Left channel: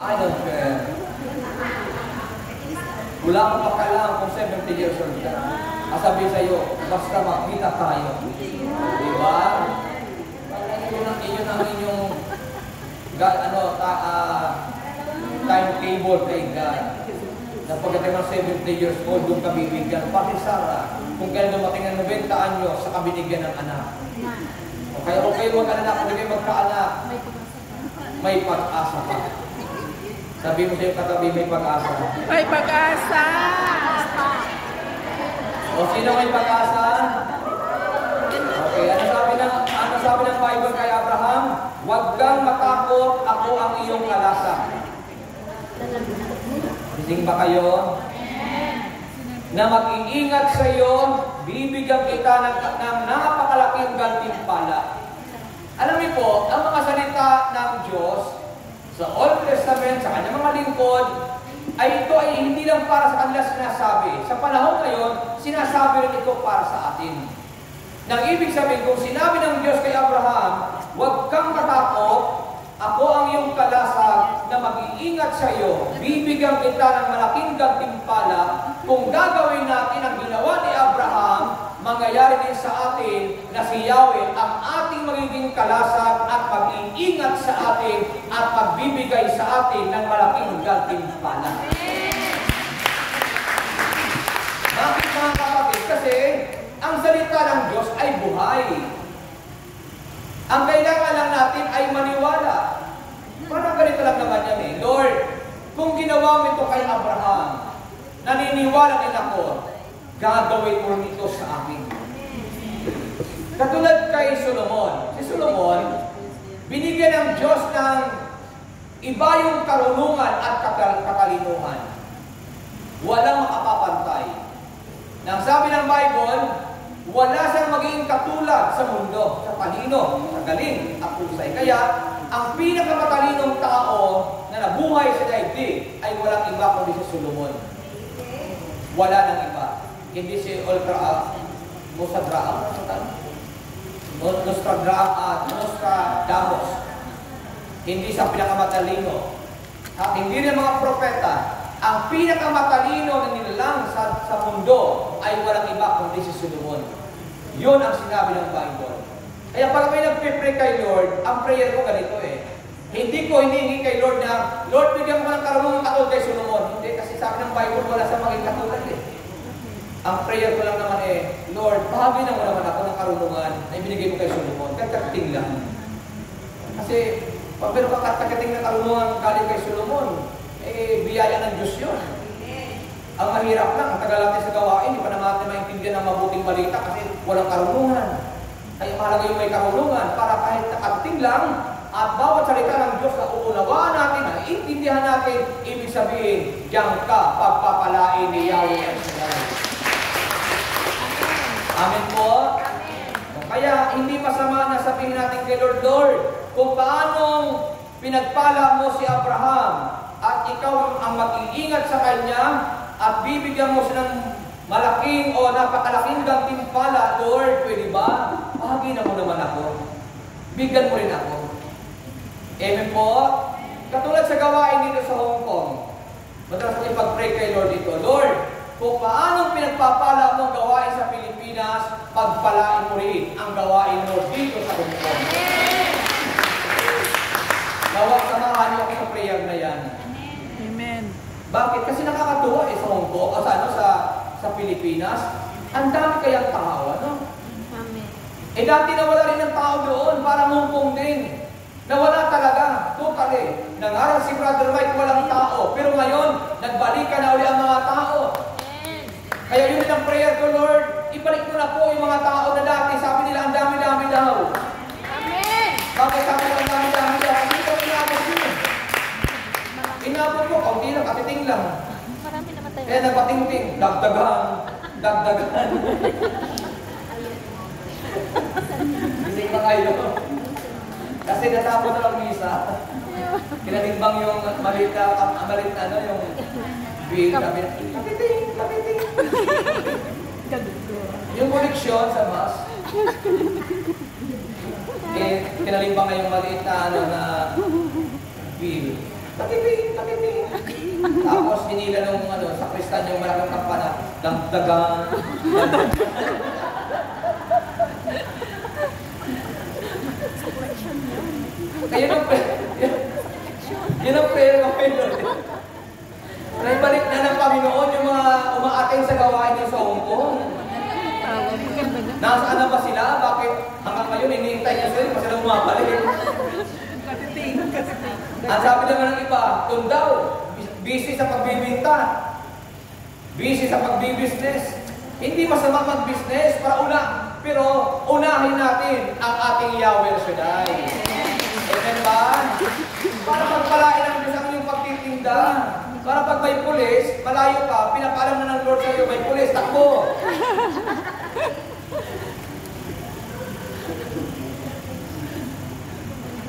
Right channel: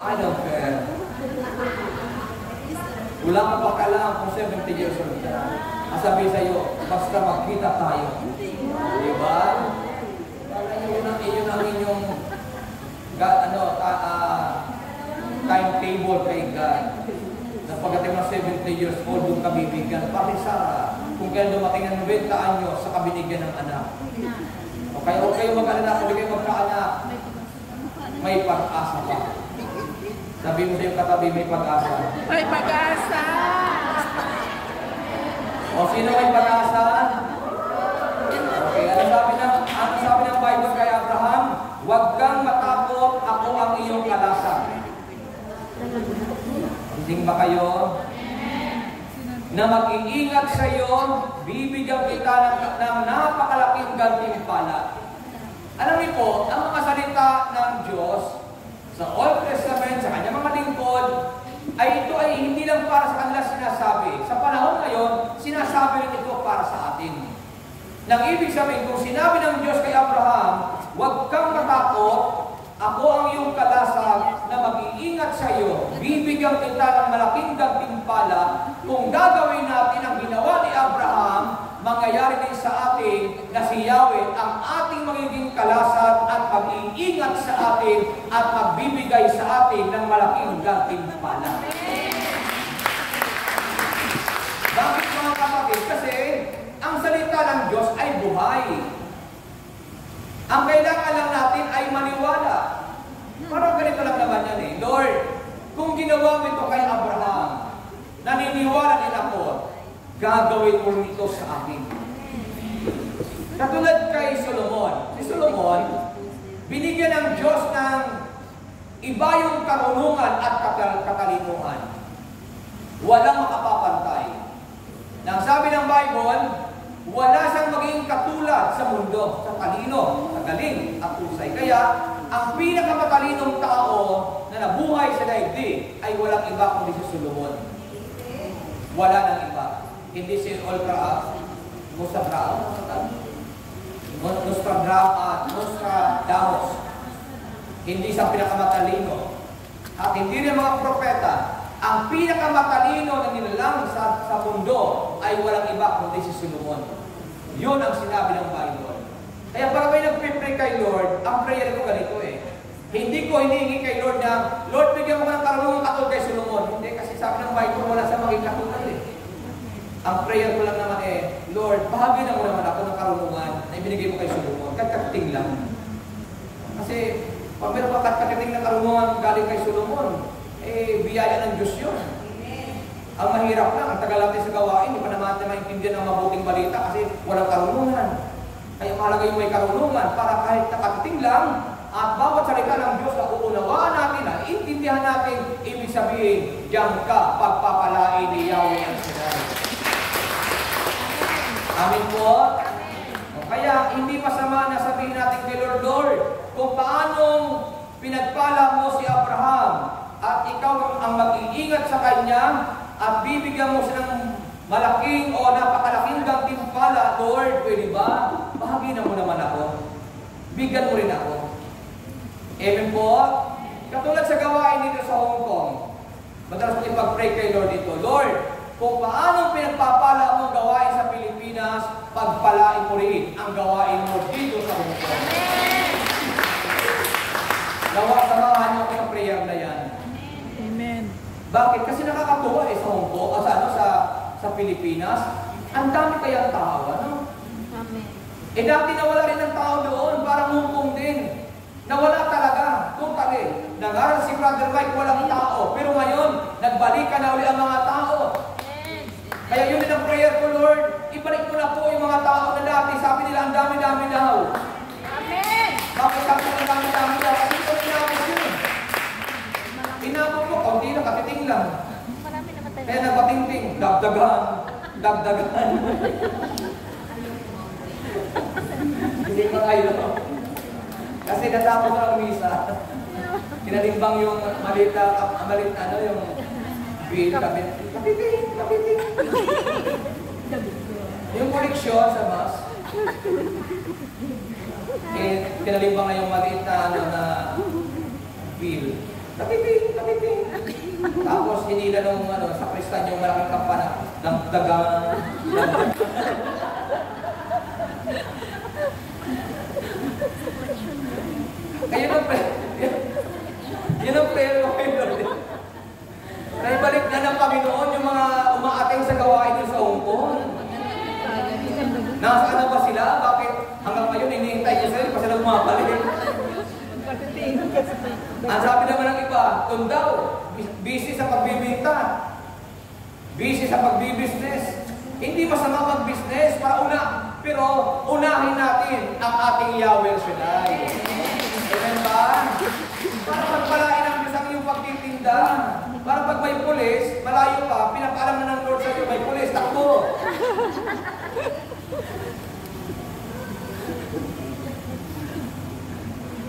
I don't care. Wala kang pakialam kung 70 years old ka. Sabi sa'yo, basta magkita tayo. Diba? Iyon ang inyong timetable kay God. Na pagdating ng 70 years old, doon ka bibigyan. Pati Sarah, kung kaya dumating ng 90 anyo, sa kabinigyan ng anak. O kaya huwag kayo mag-anak, kung hindi kayo magkaanak, may pag-asa pa. Sabi mo sa'yo katabi, may pag-asa. May pag-asa! O sino may pag-asa? Okay, ano sabi ng Bible kay Abraham? Huwag kang matakot, ako ang iyong kalasa. Gising ba kayo? Na mag-iingat sa iyo, bibigyan kita ng napakalaking gantimpala. Alam niyo po, ang mga salita ng Diyos sa Old Testament, sa kanyang mga lingkod, ito ay hindi lang para sa kanila sinasabi. Sa panahon ngayon, sinasabi rin ito para sa atin. Nang ibig sabihin, kung sinabi ng Diyos kay Abraham, huwag kang matakot, ako ang iyong kalasag na mag-iingat sa iyo, bibigyan kita ng malaking gantimpala. Kung gagawin natin ang ginawa ni Abraham, mangyayari din sa atin na si Yahweh ang ating magiging kalasag at mag-iingat sa atin at magbibigay sa atin ng malaking gantimpala. Bakit mga kapatid? Kasi ang salita ng Diyos ay buhay. Ang kailangan lang natin ay maniwala. Parang ganito lang naman yan eh. Lord, kung ginawa mo ito kay Abraham, naniniwala din ako, gagawin mo ito sa akin. Katulad kay Solomon. Si Solomon, binigyan ng Diyos ng iba yung karunungan at katalinuhan. Walang makapapantay. Nang sabi ng Bible, wala siyang magiging katulad sa mundo, sa talino, sa galing at husay. Kaya, ang pinakamatalinong tao na nabuhay sa daigdig ay walang iba kundi si Solomon. Wala nang iba. Hindi si Nostradamus. Hindi sa pinakamatalino. At hindi rin mga propeta. Ang pinakamatalino na nilalang sa mundo ay walang iba kundi si Solomon. Yun ang sinabi ng Bible. Kaya pag may nagpipray kay Lord, ang prayer ko ganito eh. Hindi ko hinihingi kay Lord na, Lord, bigyan mo ng karunungan katulad kay Solomon. Hindi, kasi sabi ng Bible, wala sa maging katulad eh. Ang prayer ko lang naman eh, Lord, bahagi na mo naman ako ng karunungan na ibinigay mo kay Solomon. Kagkating lang. Kasi, pag meron ka kagkating na karunungan galing kay Solomon, eh, biyaya ng Diyos yun. Ang mahirap lang, ang tagal natin sa gawain, hindi pa naman natin maintindihan ng mabuting balita kasi walang karunungan. Kaya mahalaga yung may karunungan para kahit nakatiting lang at bawat salita ng Diyos na uunawaan natin, na intindihan natin, ibig sabihin, diyan ka pagpapalain ni Yahweh ang Shaddai. Amen po. Kaya hindi masama na sabihin natin kay Lord, Lord, kung paanong pinagpala mo si Abraham at ikaw ang mag-iingat sa kanya at bibigyan mo siya ng malaking o napakalaking gantimpala, Lord, pwede ba? Bahagi na mo naman ako. Bigyan mo rin ako. Amen po. Katulad sa gawain dito sa Hong Kong, madalas ko ipag-pray kay Lord dito, Lord, kung paanong pinagpapala mong gawain sa Pilipinas, pagpalain mo rin ang gawain mo dito sa Hong Kong. Samahan niyo ako sa prayer na yan. Amen. Bakit? Kasi nakakatuwa sa Hong Kong, sa Pilipinas, ang dami kayang tao, ano? Eh dati nawala rin ng tao doon, parang Hong Kong din. Nawala talaga, totally. Nangaral si Brother Mike, walang tao. Pero ngayon, nagbalikan na uli ang mga tao. Kaya yun din ang prayer ko, Lord, ibalik mo na po yung mga tao na dati. Sabi nila, ang dami-dami daw. Amen. Bakit sabi nila, ang dami-dami daw? Hindi ko inabot yun. Inabot ko, kaunti lang, katiting lang. Kaya nagpating-ting, dagdagan. Hindi pa kayo. Kasi natapos na lang misa. Kinalimbang yung malit na yung bill. Katiting. Yung koleksyon sa bus. Kinalimbang na yung maliit na bill. Katiting. Tapos hinila nung sa kristan yung malaking kampana, damdagan. Kaya yun ang prayer ko kayo, Lord. Naibalik na ng Panginoon yung mga umaating sa gawain nyo sa Hong Kong. Nasaan na ba sila? Bakit hanggang ngayon hinihintay ko sila? Hindi pa sila bumabalik. Ang sabi naman ng iba, doon daw, busy sa pagbibinta. Busy sa pagbibusiness. Hindi masama mag-business para una. Pero unahin natin ang ating Yahweh Shaddai. Amen ba? Para pagpalain ang Diyos ang inyong pagtitinda. Para pag may pulis, malayo ka, pinapaalam na ng Lord sa iyo, may pulis, takbo.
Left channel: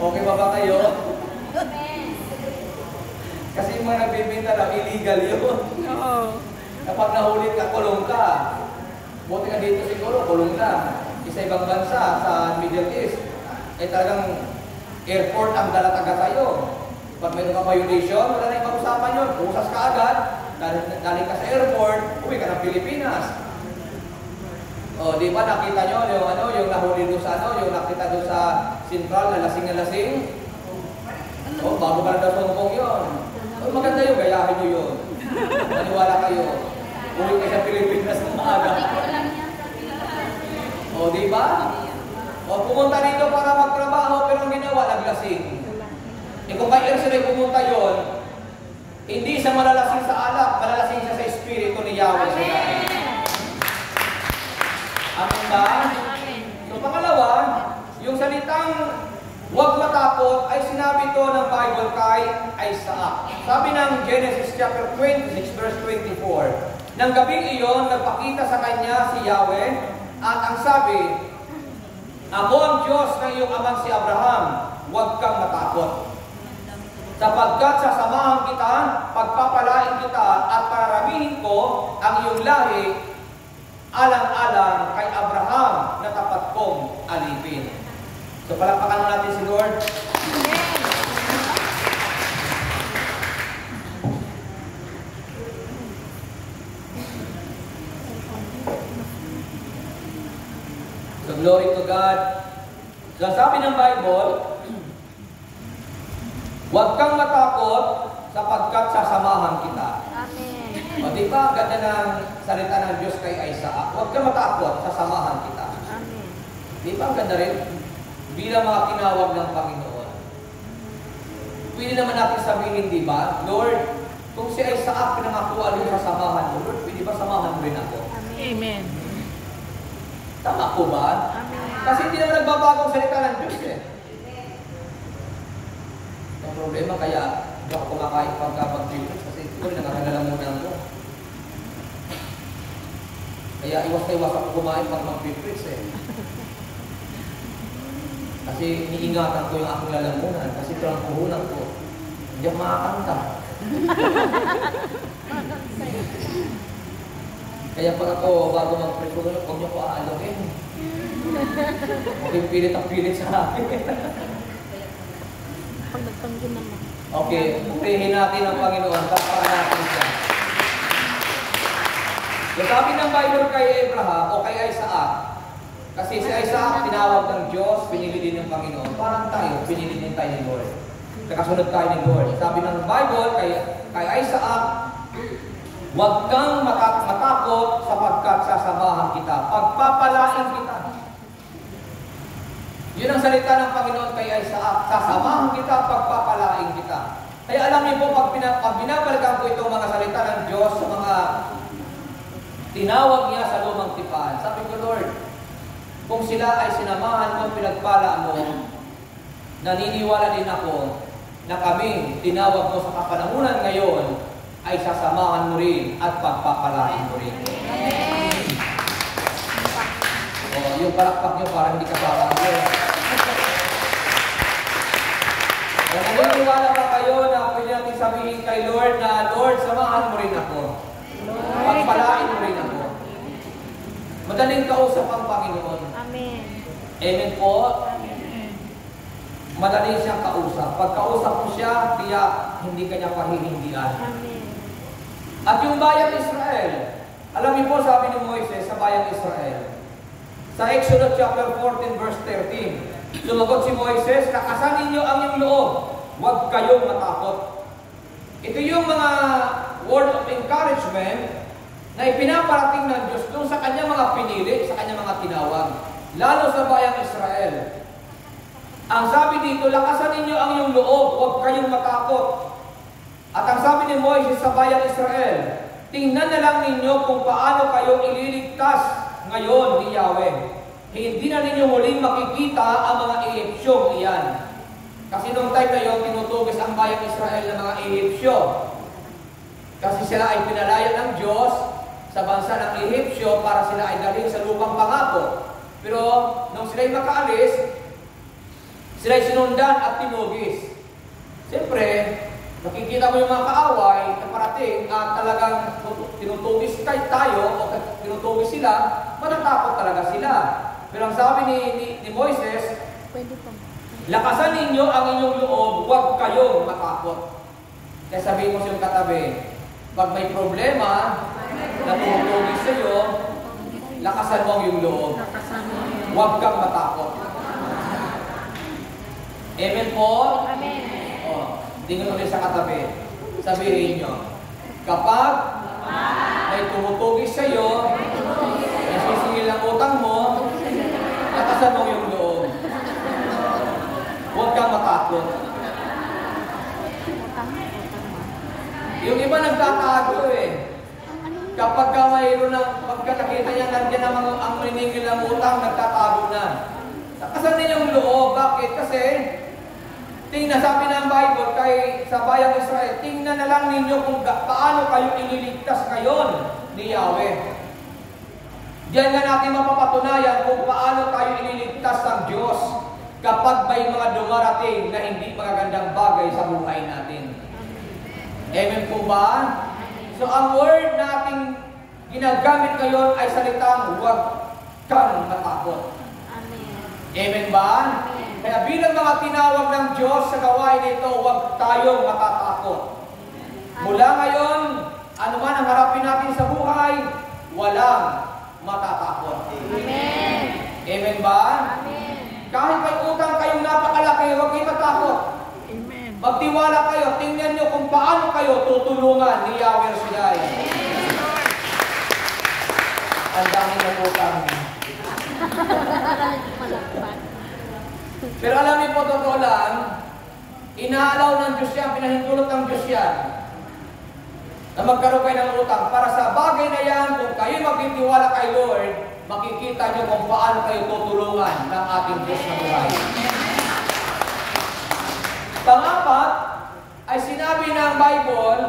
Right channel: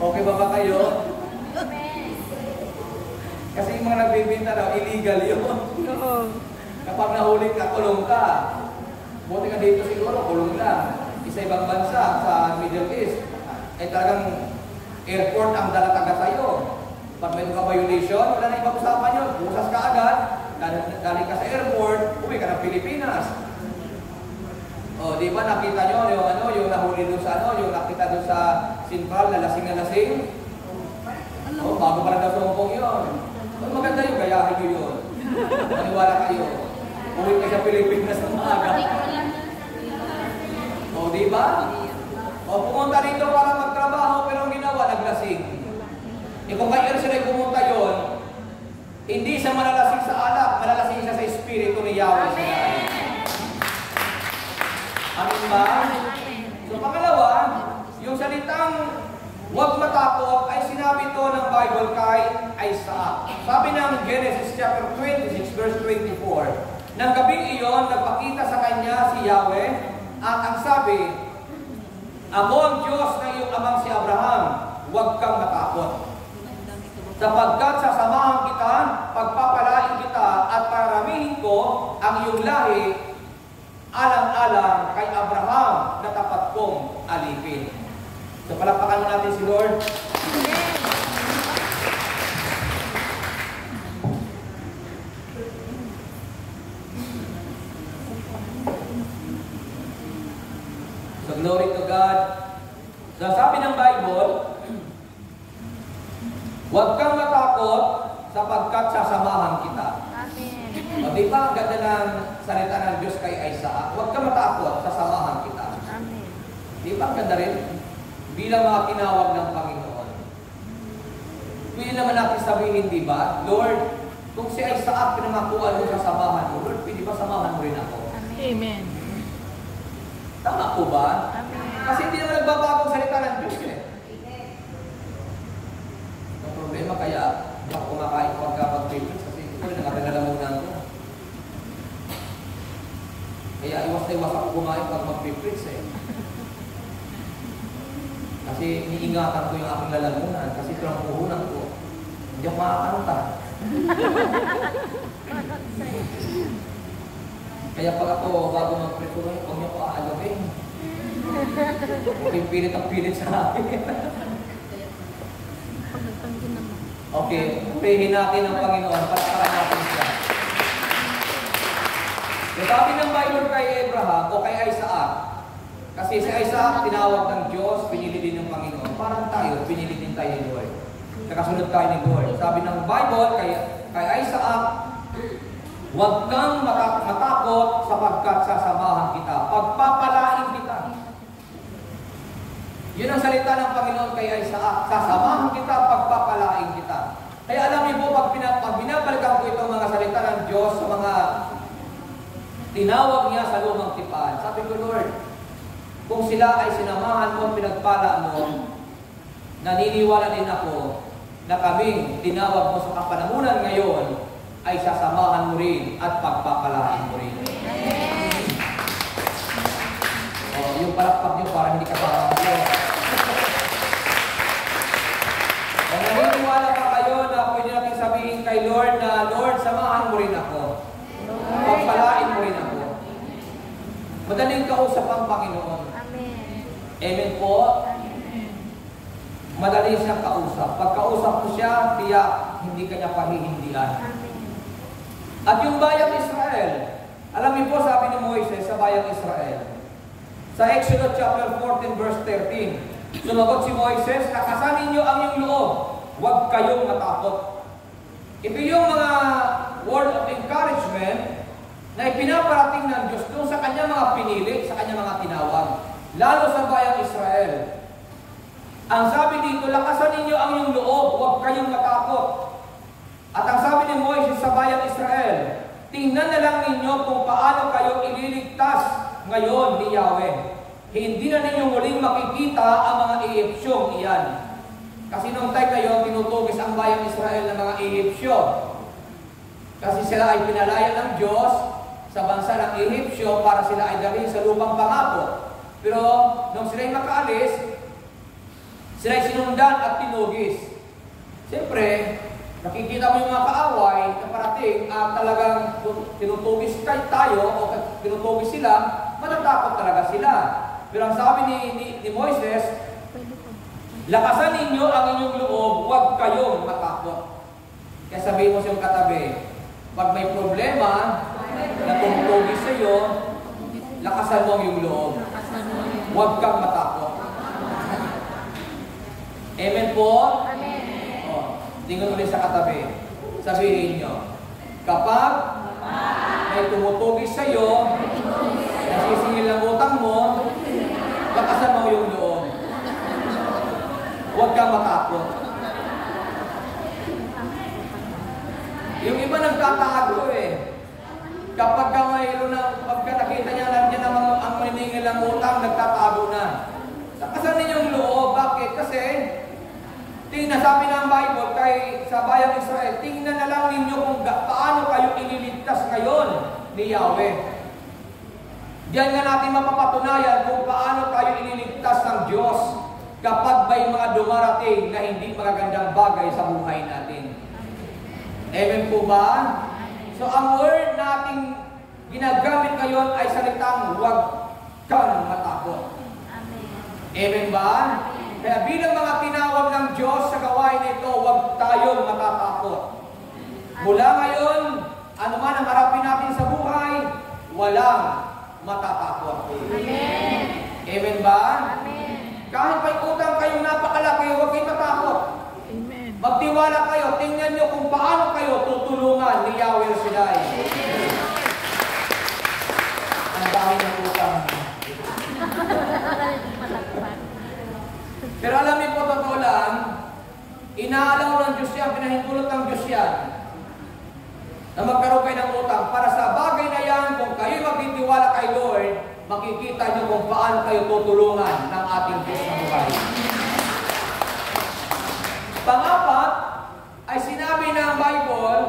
Okay ba kayo? Kasi yung mga nagbibinta daw, illegal yun. Kapag nahuli ka, kulong ka. Buti ka dito siguro, kulong lang. Isa ibang bansa sa Middle East, ay talagang airport ang dalataga sa'yo. Pag mayroon ka violation, wala na ibang usapan yun. Pusas ka agad, daling ka sa airport, uwi ka ng Pilipinas. O, di ba nakita nyo yung nahuli doon sa yung nakita doon sa Central na lasing. O, bago pa lang daw sa Hong Kong yun. O, maganda yung gayahin nyo yun. Maniwala kayo. Uwi ka sa Pilipinas ng maaga. O, di ba? O, pumunta rito para magtrabaho, pero ang ginawa, naglasing. Kung kaya sila pumunta yun, hindi siya malalasing sa alak, malalasing siya sa espiritu ni Yahweh Shaddai. Amin ba? So pangalawa, yung salitang huwag matakot ay sinabi to ng Bible kay Isaac. Sabi ng Genesis chapter 26 verse 24, nang gabing iyon, nagpakita sa kanya si Yahweh at ang sabi, ako ang Diyos ng iyong amang si Abraham, huwag kang matakot. Sapagkat sasamahan kita, pagpapalain kita, at pararamihin ko ang iyong lahi, alang-alang kay Abraham na tapat kong alipin. So palakpakan natin si Lord. So glory to God. So sabi ng Bible, huwag kang matakot sapagkat sasamahan kita. Amen. O diba, ganda ng salita ng Diyos kay Isaac. Huwag kang matakot, sasamahan kita. Amen. Diba, ganda rin? Bilang mga tinawag ng Panginoon. Pwede naman natin sabihin, diba, Lord, kung si Isaac pinangakuan mo sasamahan mo, Lord, pwede ba samahan mo rin ako? Amen. Tama po ba? Amen. Kasi hindi naman nagbabagong salita ng Diyos eh. Problema kaya hindi ako kumakain pagka-preference kasi ito rin nakakalalamunan ko. Kaya iwas na iwas ako kumain pag mag-preference eh. Kasi iniingatan ko yung aking lalamunan kasi ito ang puhunan ko. Hindi ako makakanta. Kaya pag ako bago mag-preference, huwag niyo ko aalawin. Okay, pilit ang pilit sa akin. Okay, purihin natin ang Panginoon, palakpakan natin siya. So sabi ng Bible kay Abraham o kay Isaac, kasi si Isaac tinawag ng Diyos, pinili din ng Panginoon. Parang tayo, pinili din tayo ni Lord. Nakasunod tayo ni Lord. Sabi ng Bible kay Isaac, huwag kang matakot sapagkat sasamahan kita, pagpapalain kita. Yun ang salita ng Panginoon kay Isaac. Sasamahan kita at pagpapalain kita. Kaya alam niyo po, pag binabalikan ko itong mga salita ng Diyos sa mga tinawag niya sa lumang tipan, sabi ko, Lord, kung sila ay sinamahan mo, pinagpala mo, naniniwala din ako na kaming tinawag mo sa kapanahunan ngayon ay sasamahan mo rin at pagpapalain mo rin. Yung palakpak nyo para hindi ka parang Diyos. Naniniwala ba kayo na pwede natin sabihin kay Lord na, Lord, samahan mo rin ako. Pagpalain mo rin ako. Madaling kausap ang Panginoon. Amen. Amen po. madali siyang kausap. Pag kausap mo siya, tiyak, hindi kanya pahihindian. At yung bayang Israel, alam niyo po, sabi ni Moises sa bayang Israel, sa Exodus chapter 14 verse 13, sumagot si Moises, lakasan ninyo ang iyong loob, huwag kayong matakot. Ito yung mga word of encouragement na ipinaparating ng Diyos doon sa kanyang mga pinili, sa kanyang mga tinawag, lalo sa bayang Israel. Ang sabi dito, lakasan ninyo ang iyong loob, huwag kayong matakot. At ang sabi ni Moises sa bayang Israel, tingnan na lang ninyo kung paano kayo ililigtas ngayon ni Yahweh. Hindi na ninyo muling makikita ang mga Ehipsyong iyan. Kasi nung time na yun, tinutugis ang bayang Israel ng mga Ehipsyo. Kasi sila ay pinalaya ng Diyos sa bansa ng Ehipsyo para sila ay dalhin sa lupang pangako. Pero nung sila ay makaalis, sila ay sinundan at tinugis. Siyempre, nakikita mo yung mga kaaway na parating at talagang tinutugis tayo o tinutugis sila, matatakot talaga sila. Pero ang sabi ni Moises, lakasan ninyo ang inyong loob, huwag kayong matakot. Kaya sabihin mo sa iyong katabi, pag may problema na tumutugis sa iyo, lakasan mo ang iyong loob. Huwag kang matakot. Amen po? Amen. Tingnan ulit sa katabi. Sabihin nyo, kapag may tumutugis sa iyo, nasisingil ang utang mo, lakasan mo yung loob. Huwag kang matakot. Yung iba nagtatago eh. Kapag mayroon ng, pagka nakita niya nandiyan ang maningil ang utang, nagtatago na. Lakasan ninyong loob. Bakit? Kasi tingnan, sabi ng Bible kay sa bayang Israel, tingnan na lang ninyo kung paano kayo ililigtas ngayon ni Yahweh. Diyan nga natin mapapatunayan kung paano tayo ililigtas ng Diyos kapag may mga dumarating na hindi magagandang bagay sa buhay natin. Amen po ba? So ang word nating ginagamit ngayon ay salitang huwag kang matakot. Amen ba? Kaya bilang mga tinawag ng Diyos sa gawain nito, huwag tayong matatakot. Mula ngayon, ano man ang harapin natin sa buhay, walang matatakot. Amen. Amen ba? Amen. Kahit may utang kayong napakalaki, huwag kayong matakot. Amen. Magtiwala kayo, tingnan nyo kung paano kayo tutulungan ni Yahweh Shaddai. Ang dami ng utang. Pero alam niyo po, totoo lang, inaalaw ng Diyos yan, pinahintulot ng Diyos yan, na magkaroon kayo ng utang. Para sa bagay na yan, kung kayo magtitiwala kay Lord, makikita nyo kung paano kayo tutulungan ng ating Diyos na buhay. Pangapat, ay sinabi ng Bible,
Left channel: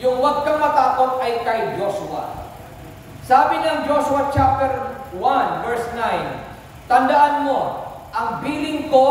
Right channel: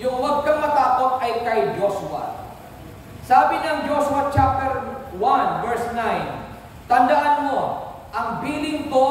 yung huwag kang matakot ay kay Joshua. Sabi ng Joshua chapter 1, verse 9, tandaan mo, ang bilin ko